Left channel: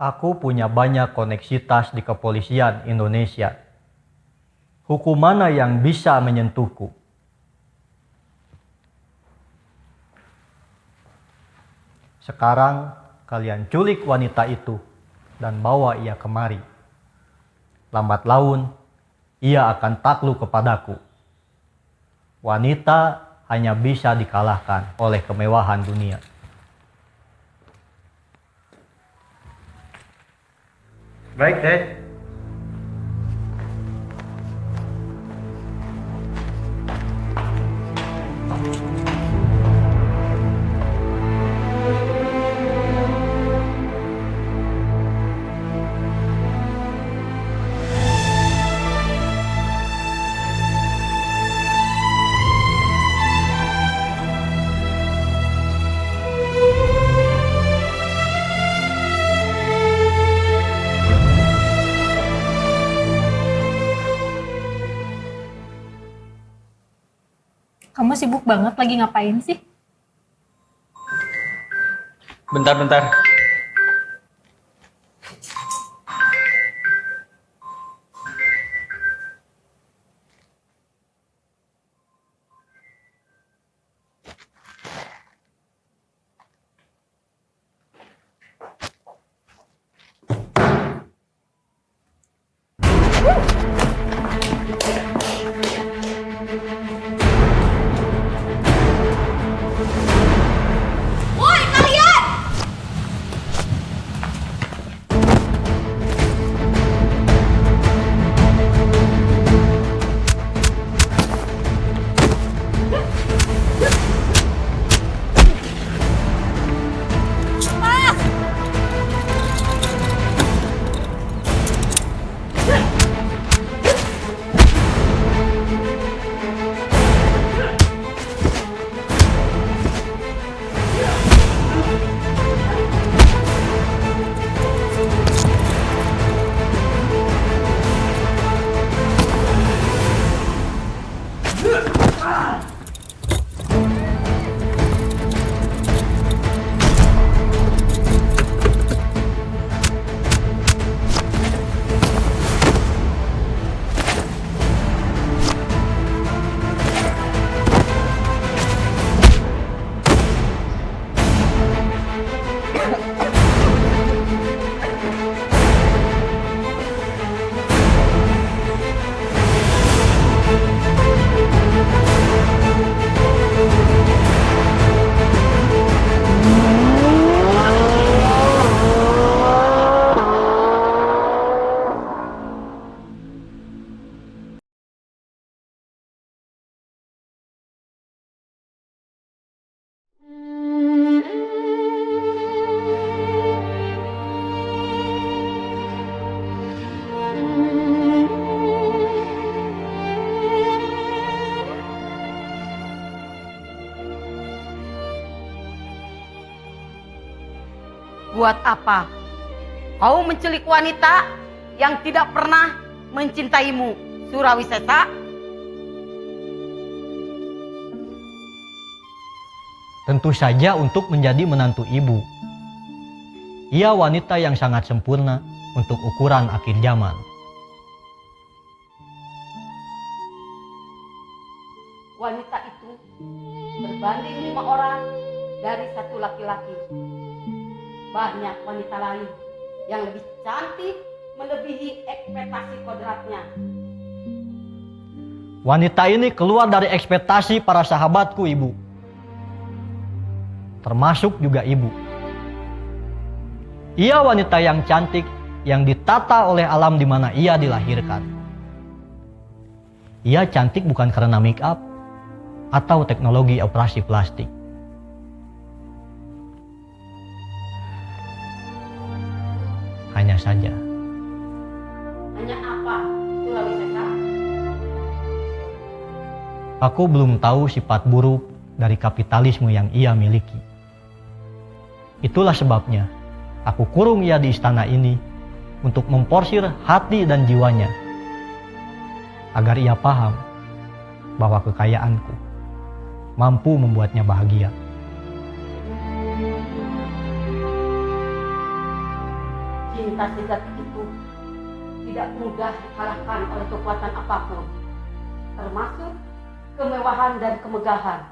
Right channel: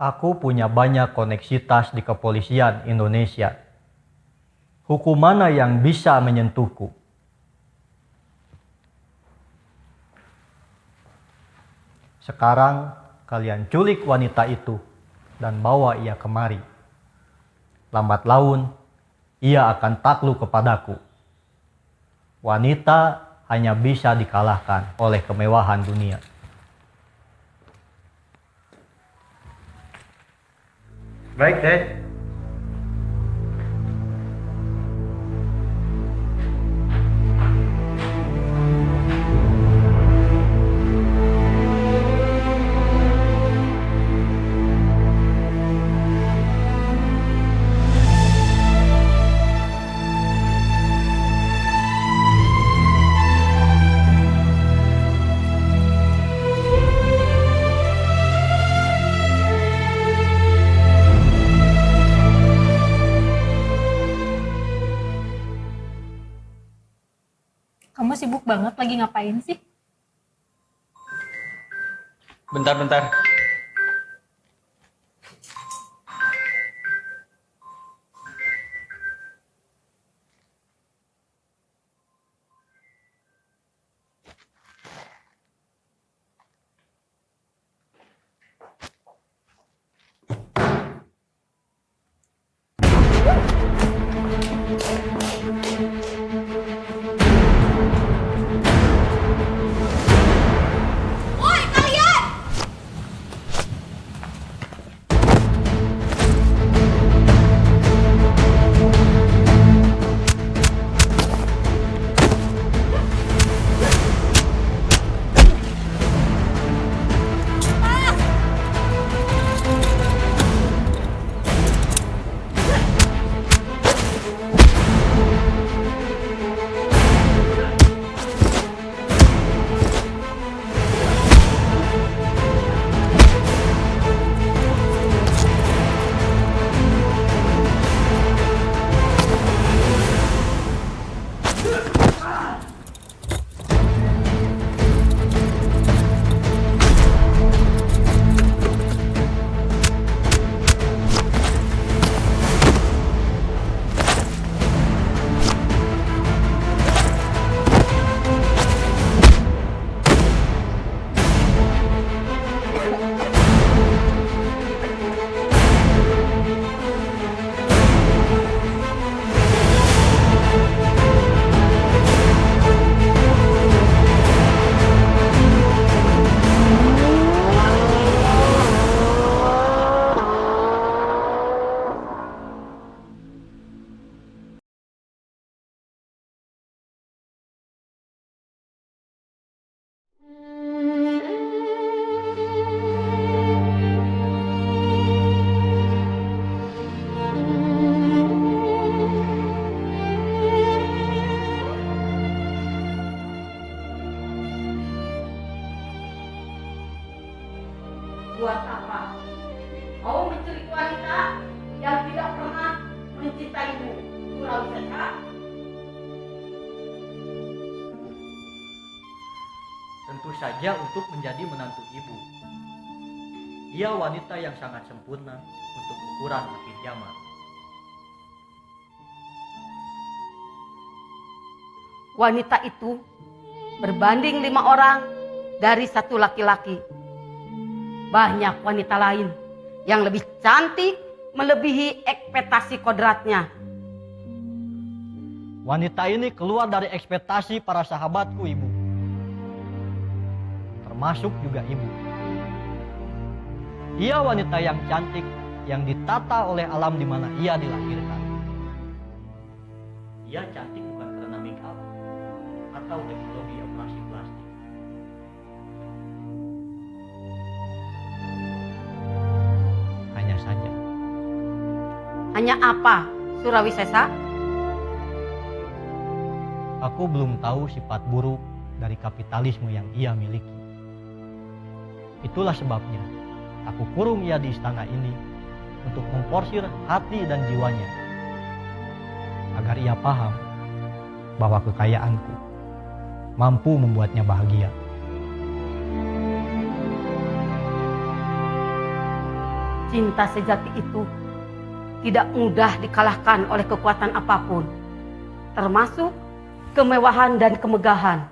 Aku punya banyak koneksitas di kepolisian Indonesia. Hukum mana yang bisa menyentuhku? Sekarang kalian culik wanita itu dan bawa ia kemari. Lambat laun, ia akan takluk kepadaku. Wanita hanya bisa dikalahkan oleh kemewahan dunia. Baik, Dek. Kamu sibuk banget lagi ngapain sih? Bentar. Woi kalian! Buat apa kau menculik wanita yang tidak pernah mencintaimu, Surawisesa? Tentu saja untuk menjadi menantu ibu. Ia wanita yang sangat sempurna untuk ukuran akhir zaman. Wanita itu berbanding 5 orang dari 1 laki-laki. Banyak wanita lain yang lebih cantik melebihi ekspektasi kodratnya. Wanita ini keluar dari ekspektasi para sahabatku, Ibu. Termasuk juga Ibu. Ia wanita yang cantik yang ditata oleh alam di mana ia dilahirkan. Ia cantik bukan karena make up atau teknologi operasi plastik. Hanya saja. Hanya apa, Surawisesa? Aku belum tahu sifat buruk dari kapitalisme yang ia miliki. Itulah sebabnya aku kurung ia di istana ini untuk memporsir hati dan jiwanya agar ia paham bahwa kekayaanku mampu membuatnya bahagia. Cinta sejati itu tidak mudah dikalahkan oleh kekuatan apapun, termasuk kemewahan dan kemegahan.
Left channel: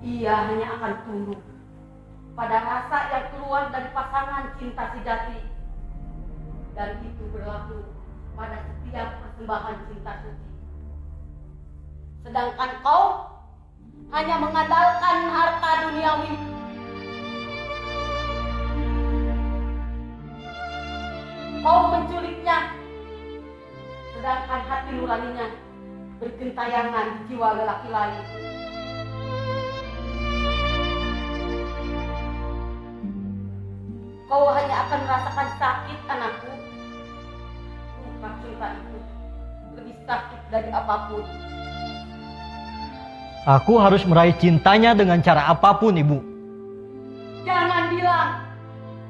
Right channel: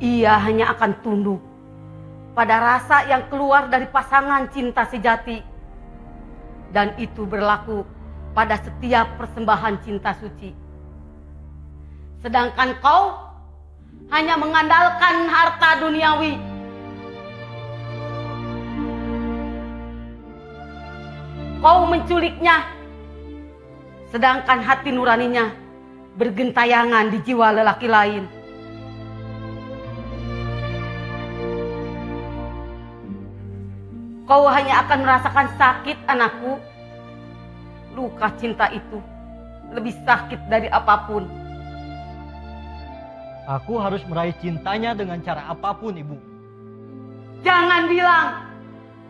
Ia hanya akan tunduk pada rasa yang keluar dari pasangan cinta sejati. Dan itu berlaku pada setiap persembahan cinta suci. Sedangkan kau hanya mengandalkan harta duniawi. Kau menculiknya, sedangkan hati nuraninya bergentayangan di jiwa lelaki lain. Kau hanya akan merasakan sakit, anakku. Luka cinta itu lebih sakit dari apapun. Aku harus meraih cintanya dengan cara apapun, Ibu. Jangan bilang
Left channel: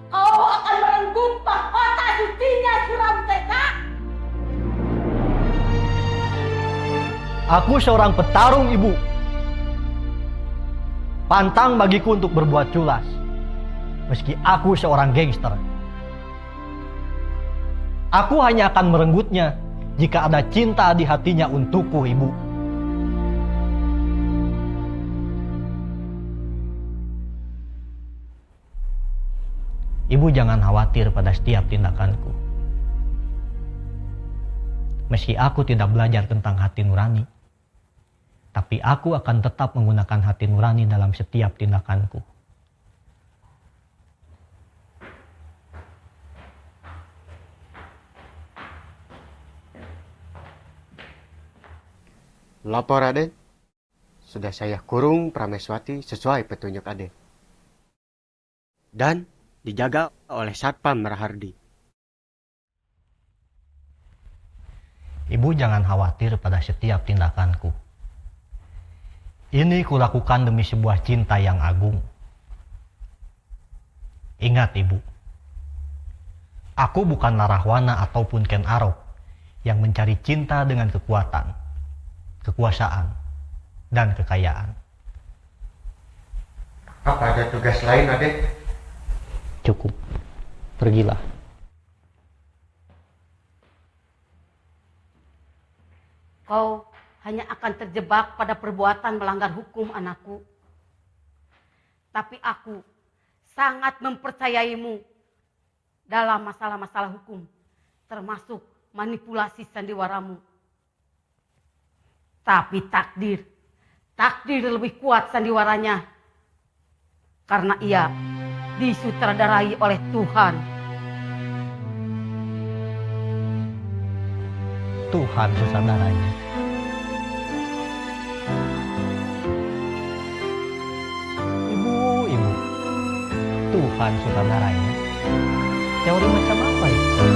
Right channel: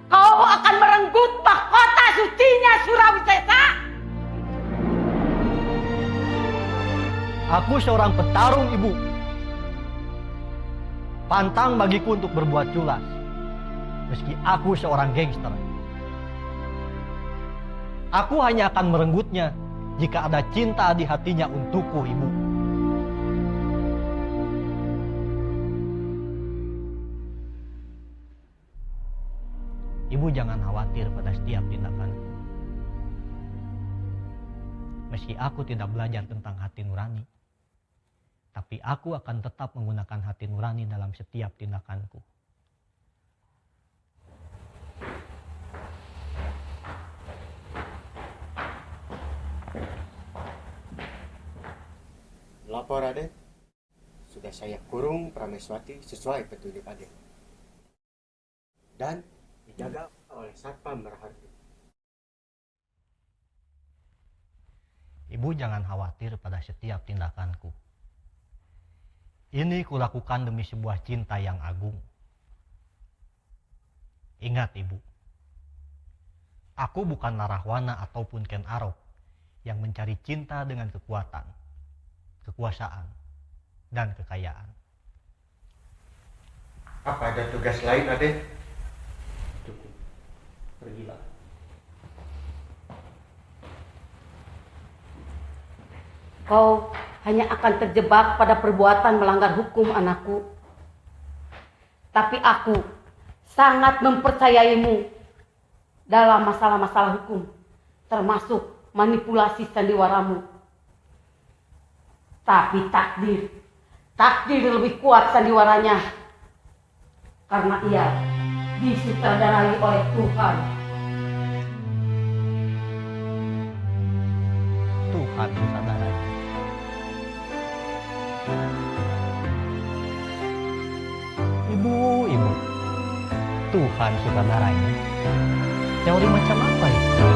kau akan merenggut mahkota sucinya Surawi Sesa. Aku seorang petarung, Ibu. Pantang bagiku untuk berbuat culas. Meski aku seorang gangster. Aku hanya akan merenggutnya jika ada cinta di hatinya untukku, Ibu. Ibu jangan khawatir pada setiap tindakanku. Meski aku tidak belajar tentang hati nurani, tapi aku akan tetap menggunakan hati nurani dalam setiap tindakanku. Lapor Aden, sudah saya kurung Prameswati sesuai petunjuk Aden. Dan dijaga oleh Satpam Rahardi. Ibu jangan khawatir pada setiap tindakanku. Ini kulakukan demi sebuah cinta yang agung. Ingat, Ibu, aku bukan narahwana ataupun Ken Arok yang mencari cinta dengan kekuatan, kekuasaan, dan kekayaan. Apa ada tugas lain, Aden? Cukup, pergilah. Kau hanya akan terjebak pada perbuatan melanggar hukum, anakku. Tapi aku sangat mempercayaimu dalam masalah-masalah hukum, termasuk manipulasi sandiwaramu. Tapi takdir lebih kuat sandiwaranya, karena ia disutradarai oleh Tuhan. Tuhan sutradaranya. Ibu, Tuhan sutradaranya. Teori macam apa itu?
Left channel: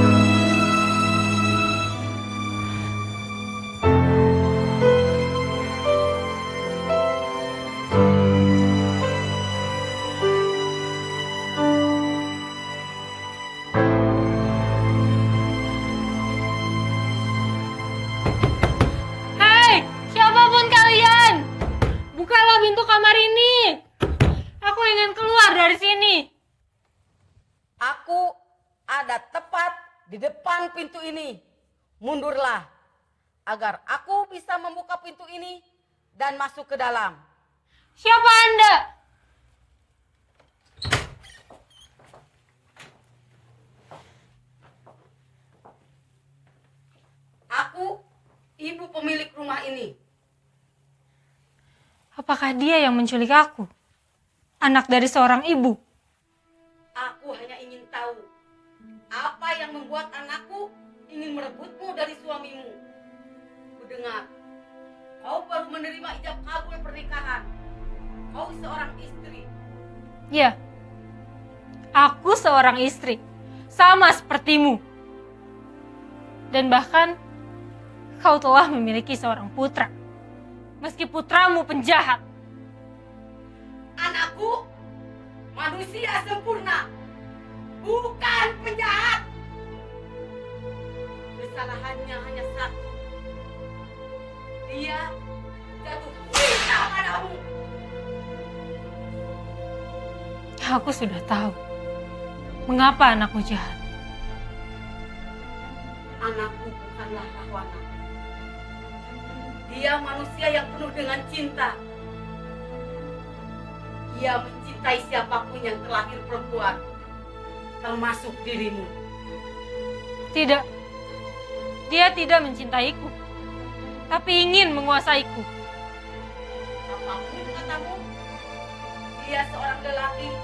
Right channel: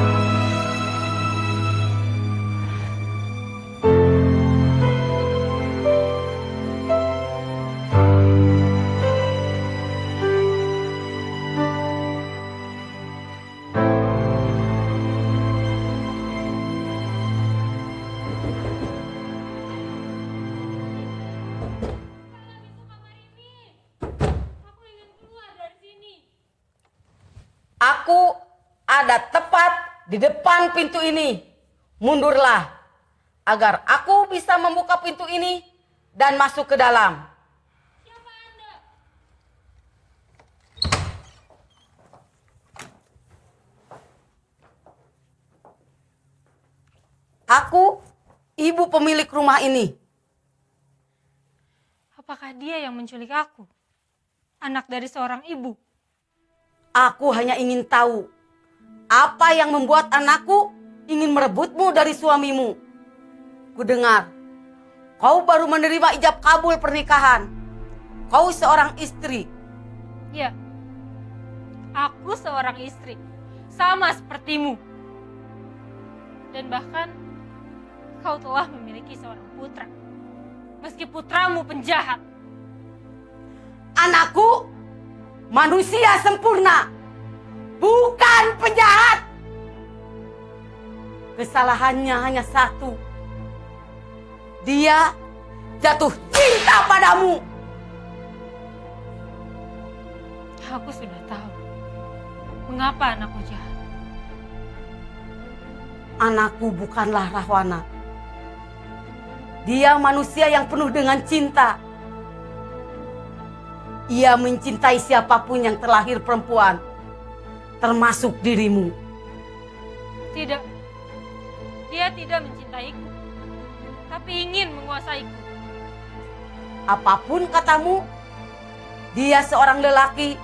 Hei, siapapun kalian, bukalah pintu kamar ini. Aku ingin keluar dari sini. Aku ada tepat di depan pintu ini. Mundurlah, agar aku bisa membuka pintu ini dan masuk ke dalam. Siapa Anda? Aku ibu pemilik rumah ini. Apakah dia yang menculik aku? Anak dari seorang ibu. Aku hanya ingin tahu apa yang membuat anakku ingin merebutmu dari suamimu. Kudengar kau baru menerima ijab kabul pernikahan. Kau seorang istri. Ya, aku seorang istri, sama sepertimu. Dan bahkan kau telah memiliki seorang putra, meski putramu penjahat. Anakku manusia sempurna, bukan penjahat. Kesalahannya hanya satu. Dia jatuh cinta padamu. Aku sudah tahu. Mengapa anakku jahat? Anakku bukanlah Rahwana. Dia manusia yang penuh dengan cinta. Ia mencintai siapapun yang terlahir perempuan, termasuk dirimu. Tidak. Dia tidak mencintaiku, tapi ingin menguasaiku. Apapun katamu, dia seorang lelaki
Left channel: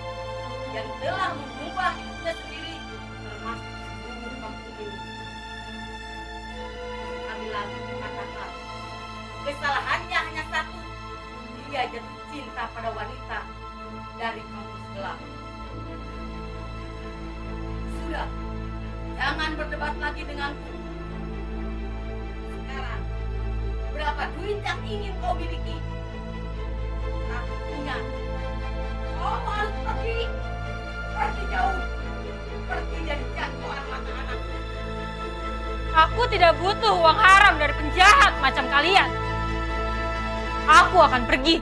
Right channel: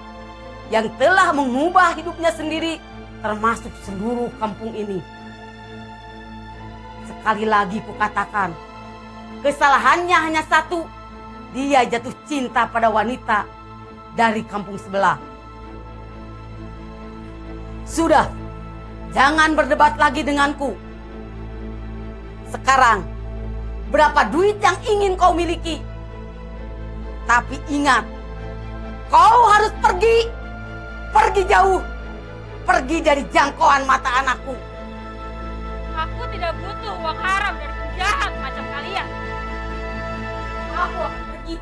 yang telah mengubah hidupnya sendiri, termasuk seluruh kampung ini. Sekali lagi kukatakan, kesalahannya hanya satu. Dia jatuh cinta pada wanita dari kampung sebelah. Sudah, jangan berdebat lagi denganku. Sekarang, berapa duit yang ingin kau miliki? Tapi ingat, kau harus pergi. Pergi jauh. Pergi dari jangkauan mata anakku. Aku tidak butuh uang haram dari penjahat macam kalian. Aku akan pergi.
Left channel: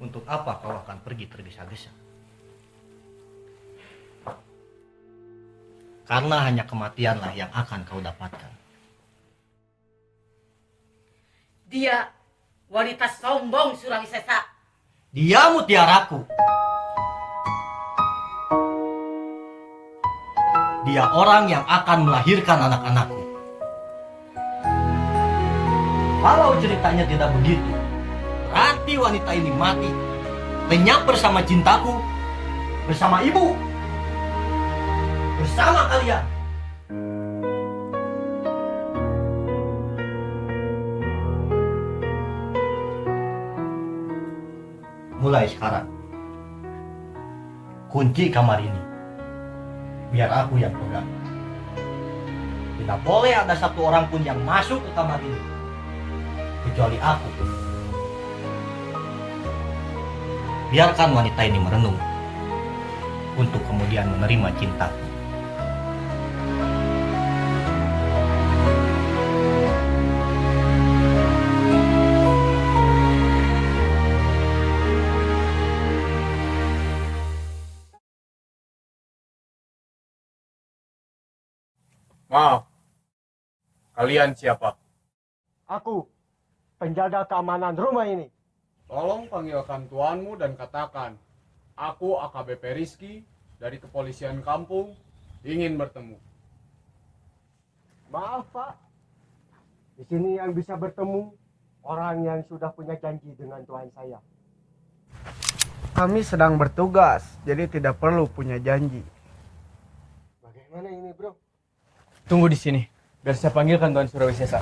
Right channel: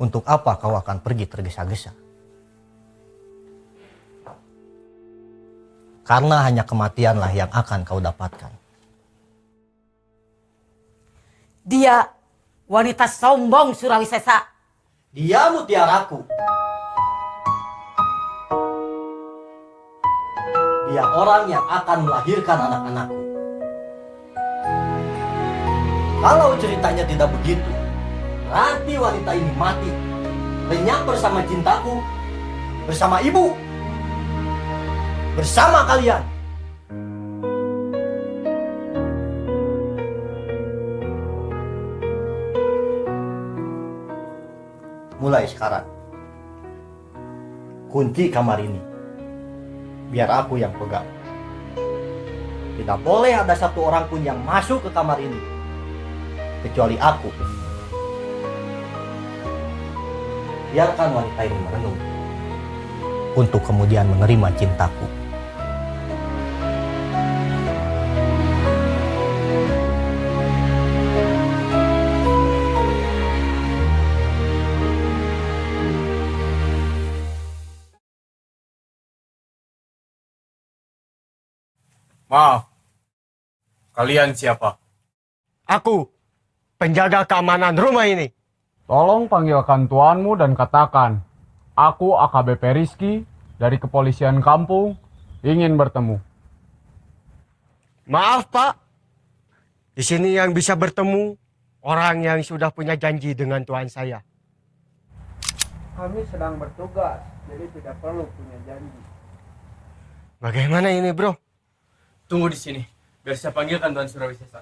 Untuk apa kau akan pergi tergesa-gesa? Karena hanya kematianlah yang akan kau dapatkan. Dia wanita sombong Surawisesa. Dia mutiaraku. Dia orang yang akan melahirkan anak-anakku. Kalau ceritanya tidak begitu, berarti wanita ini mati. Lenyap bersama cintaku, bersama ibu, bersama kalian. Mulai sekarang, kunci kamar ini biar aku yang pegang. Tidak boleh ada satu orang pun yang masuk ke kamar ini kecuali aku. Biarkan wanita ini merenung untuk kemudian menerima cintaku. Maaf, kalian siapa? Aku, penjaga keamanan rumah ini. Tolong panggilkan tuanmu dan katakan, aku AKBP Rizky dari kepolisian kampung ingin bertemu. Maaf Pak, di sini yang bisa bertemu orang yang sudah punya janji dengan tuan saya. Kami sedang bertugas, jadi tidak perlu punya janji. Bagaimana ini bro? Tunggu di sini, biar saya panggilkan Tuan Surawisesa.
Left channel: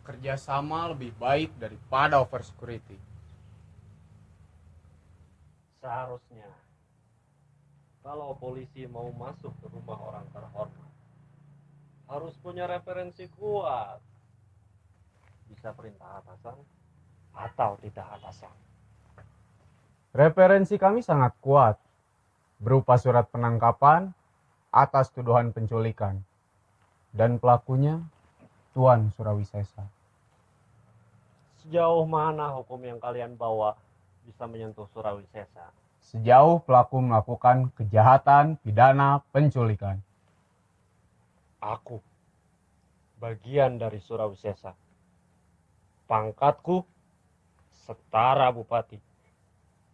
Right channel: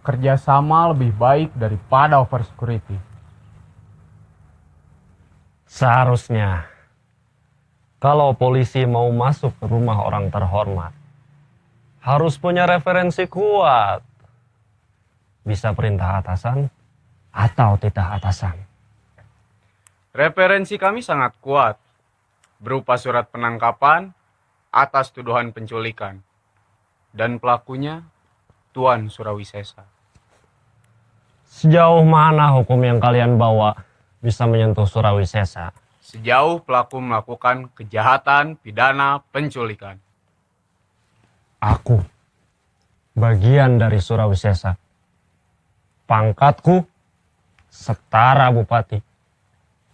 Kerjasama lebih baik daripada over security. Seharusnya, kalau polisi mau masuk ke rumah orang terhormat, harus punya referensi kuat. Bisa perintah atasan atau titah atasan. Referensi kami sangat kuat, berupa surat penangkapan atas tuduhan penculikan. Dan pelakunya, Tuan Surawisesa. Sejauh mana hukum yang kalian bawa bisa menyentuh Surawisesa? Sejauh pelaku melakukan kejahatan pidana penculikan. Aku bagian dari Surawisesa. Pangkatku setara bupati.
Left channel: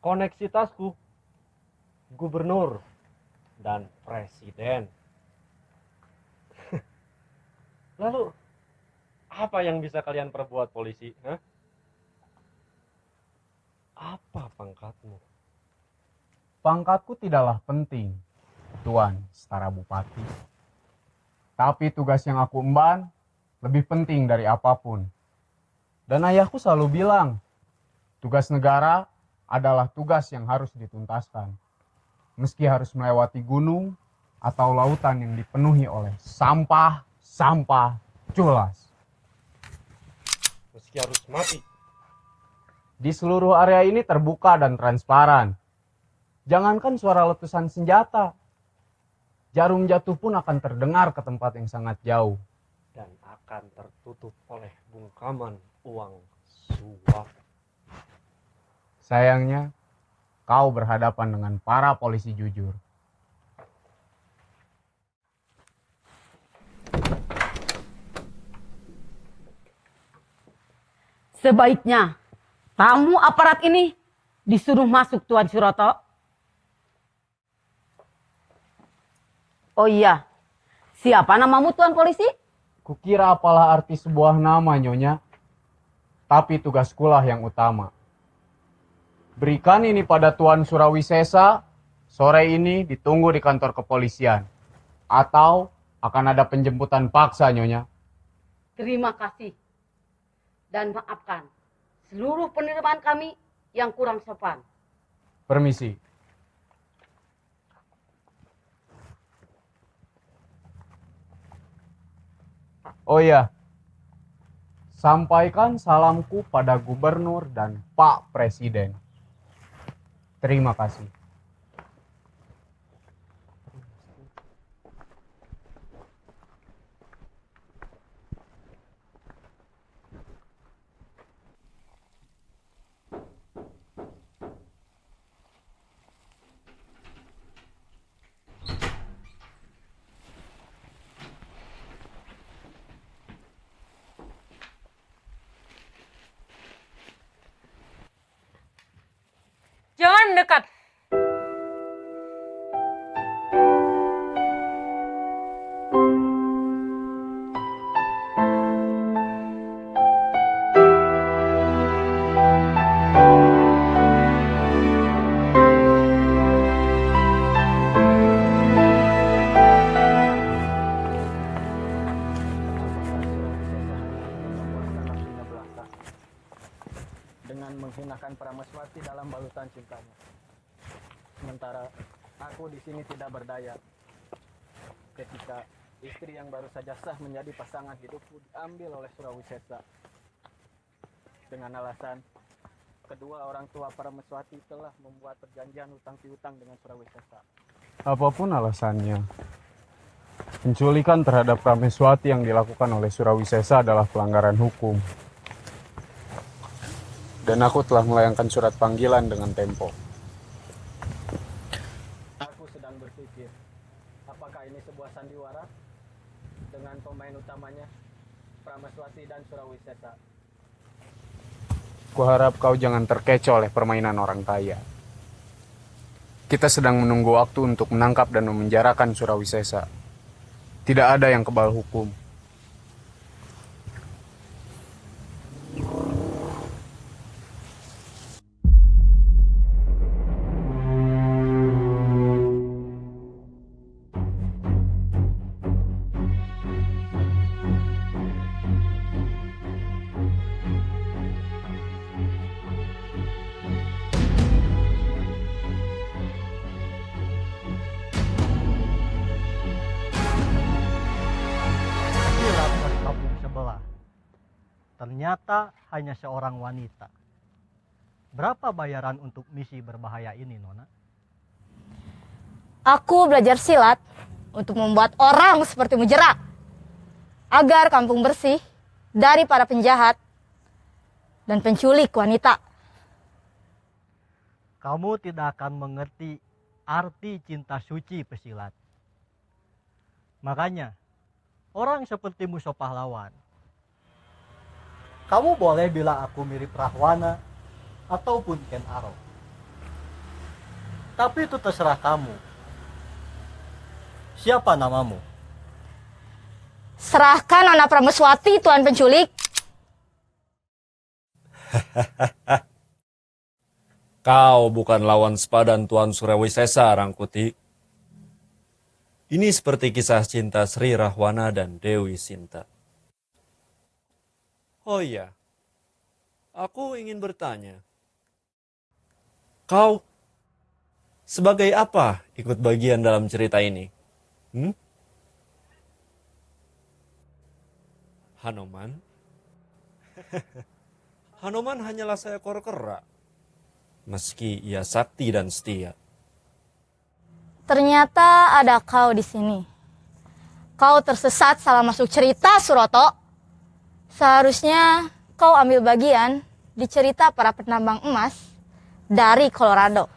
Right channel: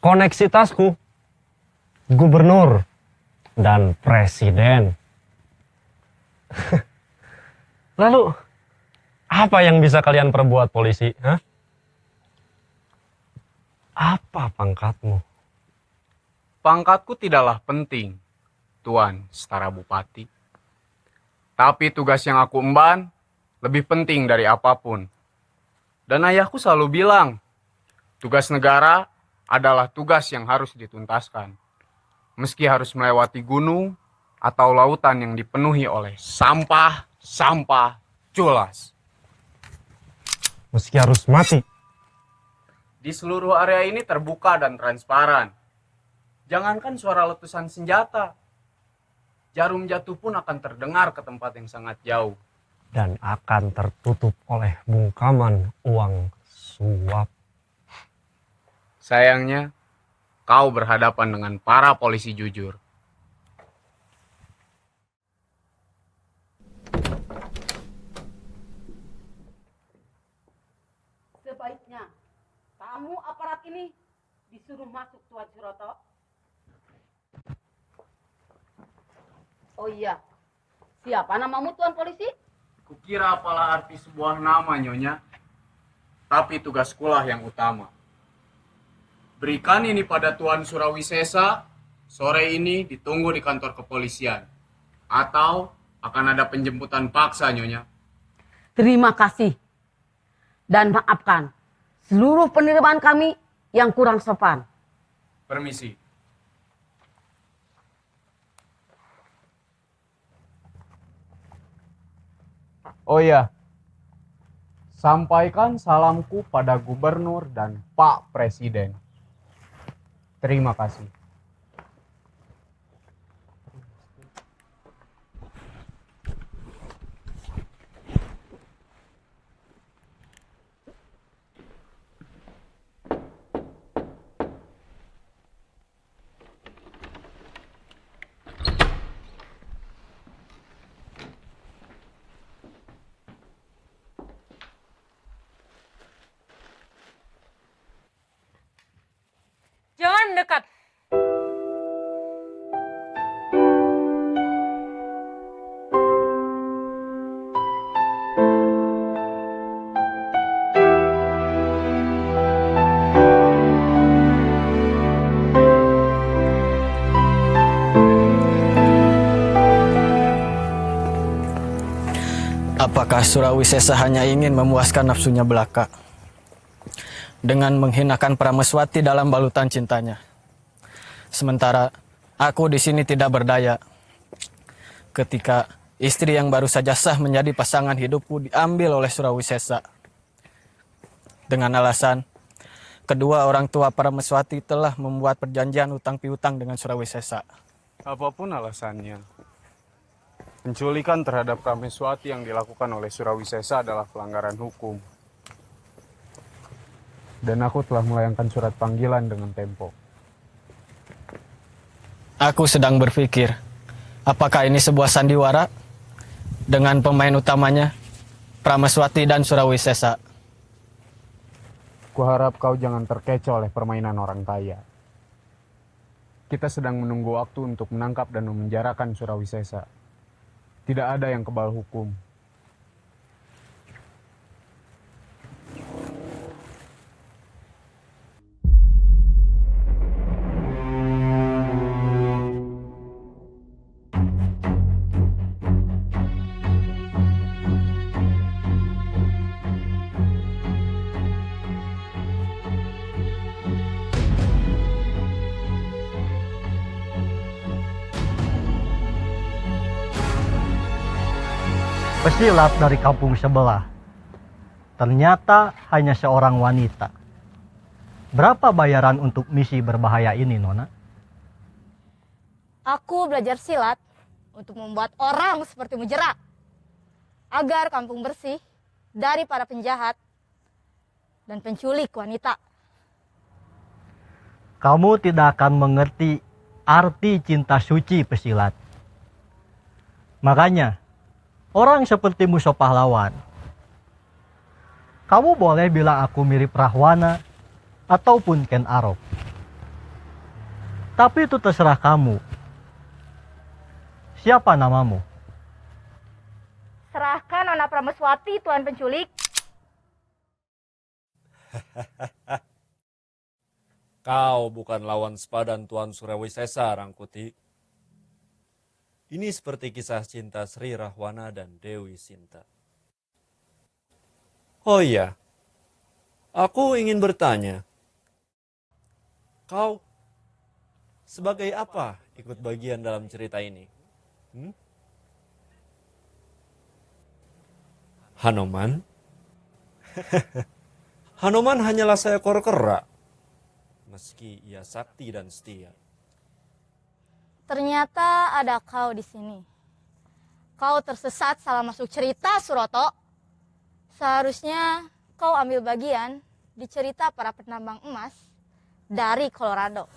Koneksitasku gubernur dan presiden. Lalu apa yang bisa kalian perbuat polisi? Hah? Apa pangkatmu? Pangkatku tidaklah penting, Tuan setara bupati. Tapi tugas yang aku emban lebih penting dari apapun. Dan ayahku selalu bilang, tugas negara adalah tugas yang harus dituntaskan. Meski harus melewati gunung atau lautan yang dipenuhi oleh sampah culas. Meski harus mati. Di seluruh area ini terbuka dan transparan. Jangankan suara letusan senjata, jarum jatuh pun akan terdengar ke tempat yang sangat jauh. Dan akan tertutup oleh bungkaman uang suap. Sayangnya, kau berhadapan dengan para polisi jujur. Sebaiknya tamu aparat ini disuruh masuk, Tuan Suroto. Oh iya, siapa namamu, Tuan Polisi? Kukira apalah arti sebuah nama, Nyonya. Tapi tugaskulah yang utama. Berikan ini pada Tuan Surawisesa, sore ini ditunggu di kantor kepolisian. Atau akan ada penjemputan paksa, Nyonya. Terima kasih. Dan maafkan seluruh penerimaan kami yang kurang sopan. Permisi. Oh iya, sampaikan salamku pada gubernur dan Pak Presiden. Terima kasih. Jangan mendekat. Apakah Surawisesa hanya ingin memuaskan nafsunya belaka dengan menghinakan Prameswati dalam balutan cintanya? Sementara aku di sini tidak berdaya ketika istri yang baru saja sah menjadi pasangan hidupku diambil oleh Surawisesa dengan alasan kedua orang tua Prameswati telah membuat perjanjian utang piutang dengan Surawisesa. Apapun alasannya, penculikan terhadap Prameswati yang dilakukan oleh Surawisesa adalah pelanggaran hukum. Dan aku telah melayangkan surat panggilan dengan tempo. Aku sedang berpikir, apakah ini sebuah sandiwara dengan pemain utamanya Prameswati dan Surawisesa? Kuharap kau jangan terkecoh oleh permainan orang kaya. Kita sedang menunggu waktu untuk menangkap dan memenjarakan Surawisesa. Tidak ada yang kebal hukum. Pesilat dari kampung sebelah. Ternyata hanya seorang wanita. Berapa bayaran untuk misi berbahaya ini, Nona? Aku belajar silat untuk membuat orang sepertimu jerak. Agar kampung bersih dari para penjahat dan penculik wanita. Kamu tidak akan mengerti arti cinta suci pesilat. Makanya, orang sepertimu so pahlawan. Kamu boleh bilang aku mirip Rahwana ataupun Ken Arok. Tapi itu terserah kamu. Siapa namamu? Serahkan Nona Prameswati, Tuan penculik. Kau bukan lawan sepadan Tuan Surawisesa, Rangkuti. Ini seperti kisah cinta Sri Rahwana dan Dewi Sinta. Oh iya, aku ingin bertanya. Kau sebagai apa ikut bagian dalam cerita ini? Hanoman? Hanoman hanyalah seekor kera, meski ia sakti dan setia. Ternyata ada kau di sini. Kau tersesat salah masuk cerita, Suroto. Seharusnya kau ambil bagian di cerita para penambang emas dari Colorado.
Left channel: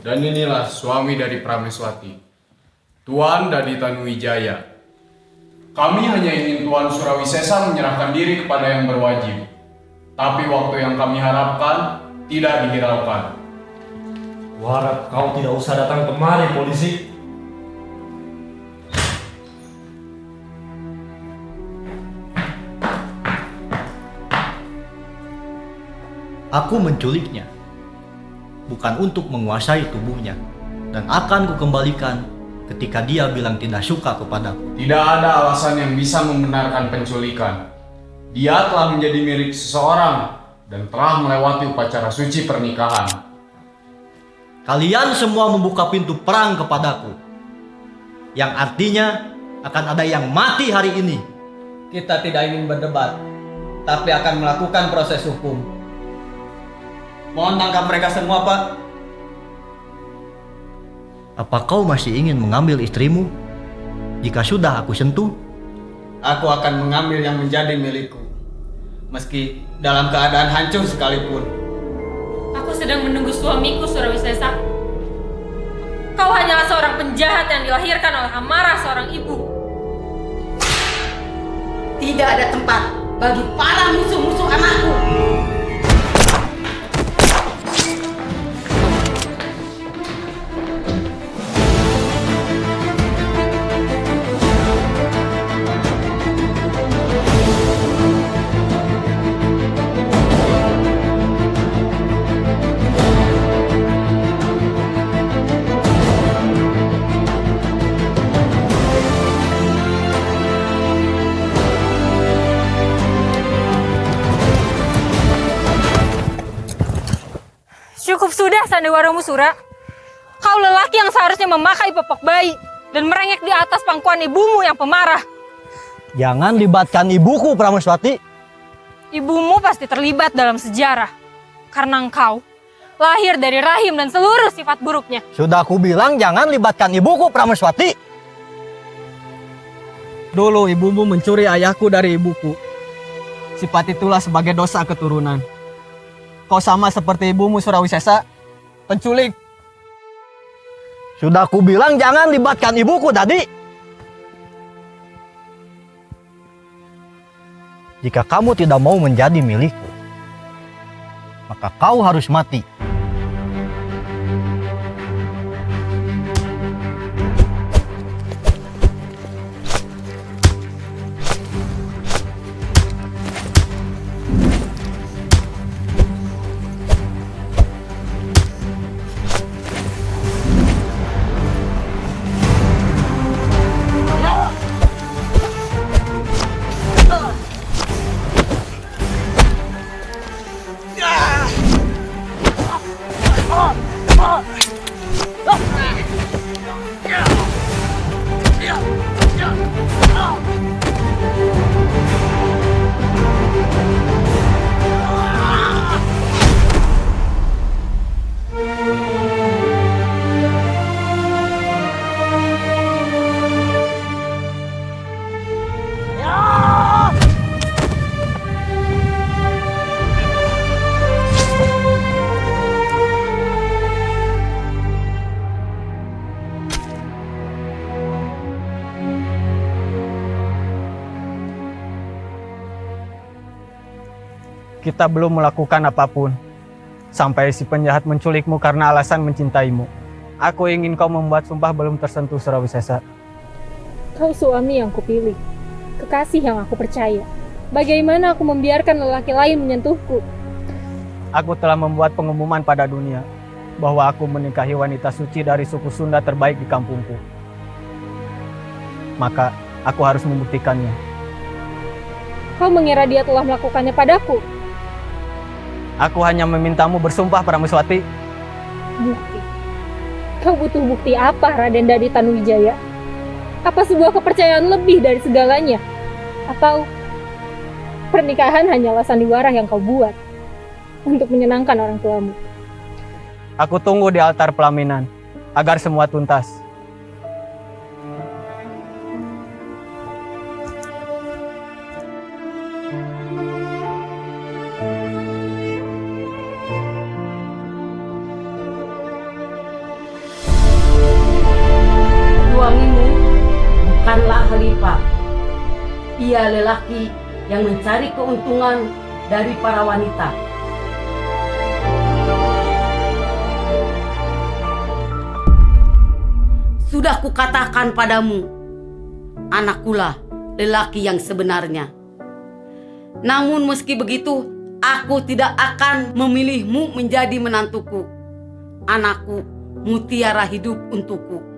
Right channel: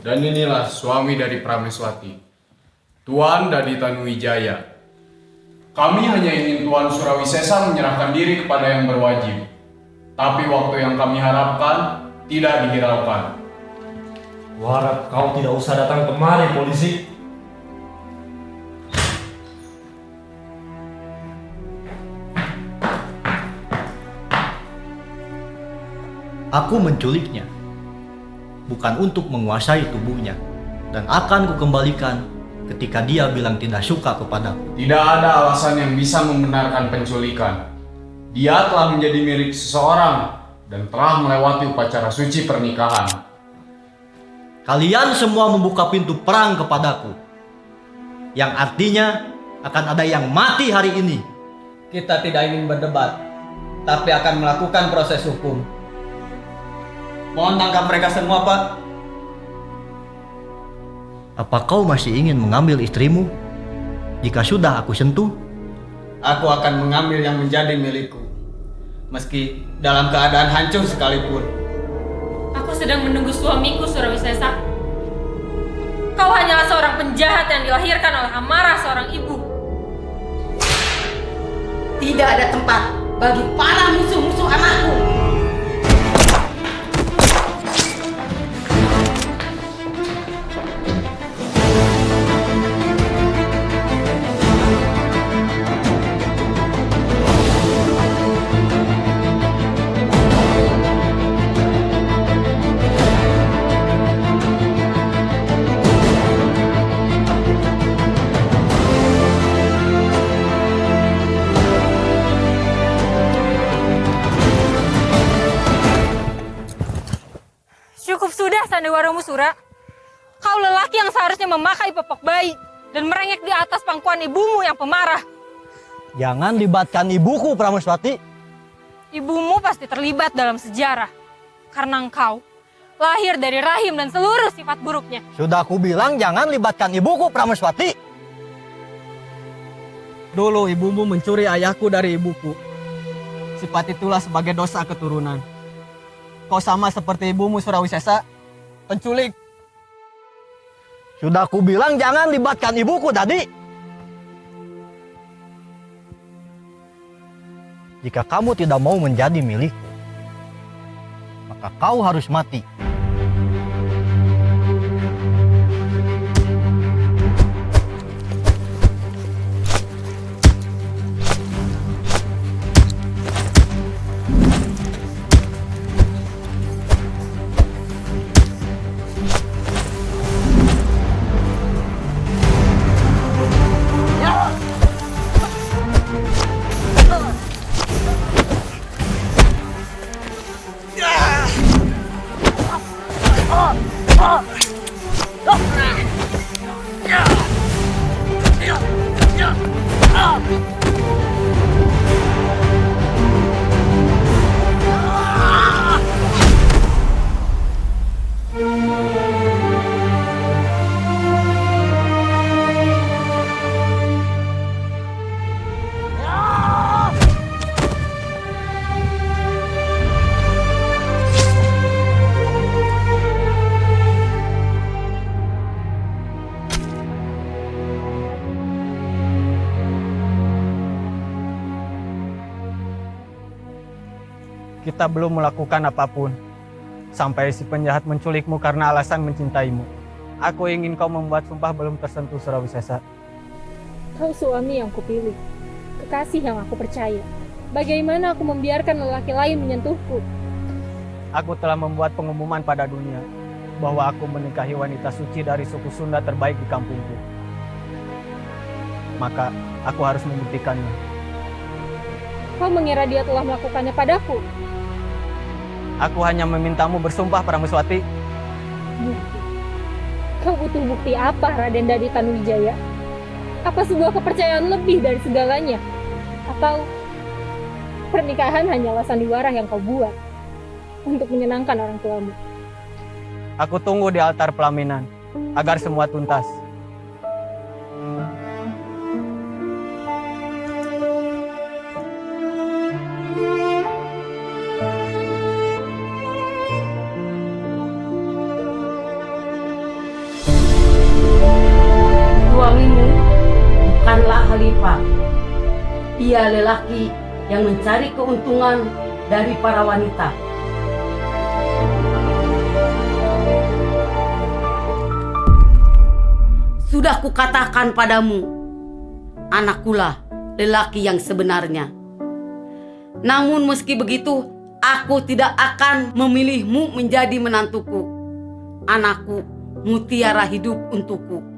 Dan inilah suami dari Prameswati, Tuan Dadi Tanuwijaya. Kami hanya ingin Tuan Surawisesa menyerahkan diri kepada yang berwajib. Tapi waktu yang kami harapkan tidak dihiraukan. Kuharap kau tidak usah datang kemari, polisi. Aku menculiknya, bukan untuk menguasai tubuhnya, dan akan kukembalikan ketika dia bilang tidak suka kepadaku. Tidak ada alasan yang bisa membenarkan penculikan. Dia telah menjadi milik seseorang dan telah melewati upacara suci pernikahan. Kalian semua membuka pintu perang kepadaku, yang artinya akan ada yang mati hari ini. Kita tidak ingin berdebat, tapi akan melakukan proses hukum. Mohon tangkap mereka semua, Pak. Apa kau masih ingin mengambil istrimu? Jika sudah aku sentuh, aku akan mengambil yang menjadi milikku, meski dalam keadaan hancur sekalipun. Aku sedang menunggu suamiku, Surawisesa. Kau hanyalah seorang penjahat yang dilahirkan oleh amarah seorang ibu. Tidak ada tempat bagi para musuh-musuh anakku. Cukup sudah sandiwaramu, Sura. Kau lelaki yang seharusnya memakai popok bayi dan merengek di atas pangkuan ibumu yang pemarah. Jangan libatkan ibuku, Prameswati. Ibumu pasti terlibat dalam sejarah. Karena engkau lahir dari rahim dan seluruh sifat buruknya. Sudah aku bilang jangan libatkan ibuku, Prameswati. Dulu ibumu mencuri ayahku dari ibuku. Sifat itulah sebagai dosa keturunan. Kau sama seperti ibumu Surawisesa, penculik. Sudah aku bilang jangan libatkan ibuku tadi. Jika kamu tidak mau menjadi milikku, maka kau harus mati. Kita belum melakukan apapun sampai si penjahat menculikmu karena alasan mencintaimu. Aku ingin kau membuat sumpah belum tersentuh, Surawisesa. Kau suami yang kupilih, kekasih yang aku percaya. Bagaimana aku membiarkan lelaki lain menyentuhku? Aku telah membuat pengumuman pada dunia bahwa aku menikahi wanita suci dari suku Sunda terbaik di kampungku. Maka aku harus membuktikannya. Kau mengira dia telah melakukannya padaku? Aku hanya memintamu bersumpah, Prameswati. Bukti? Kau butuh bukti apa, Raden Dadi Tanuwijaya? Apa sebuah kepercayaan lebih dari segalanya? Atau pernikahan hanyalah sandiwara yang kau buat untuk menyenangkan orang tuamu? Aku tunggu di altar pelaminan agar semua tuntas. Suamimu bukanlah Khalifah. Ia lelaki yang mencari keuntungan dari para wanita. Sudah kukatakan padamu, anakkulah lelaki yang sebenarnya. Namun meski begitu, aku tidak akan memilihmu menjadi menantuku. Anakku mutiara hidup untukku.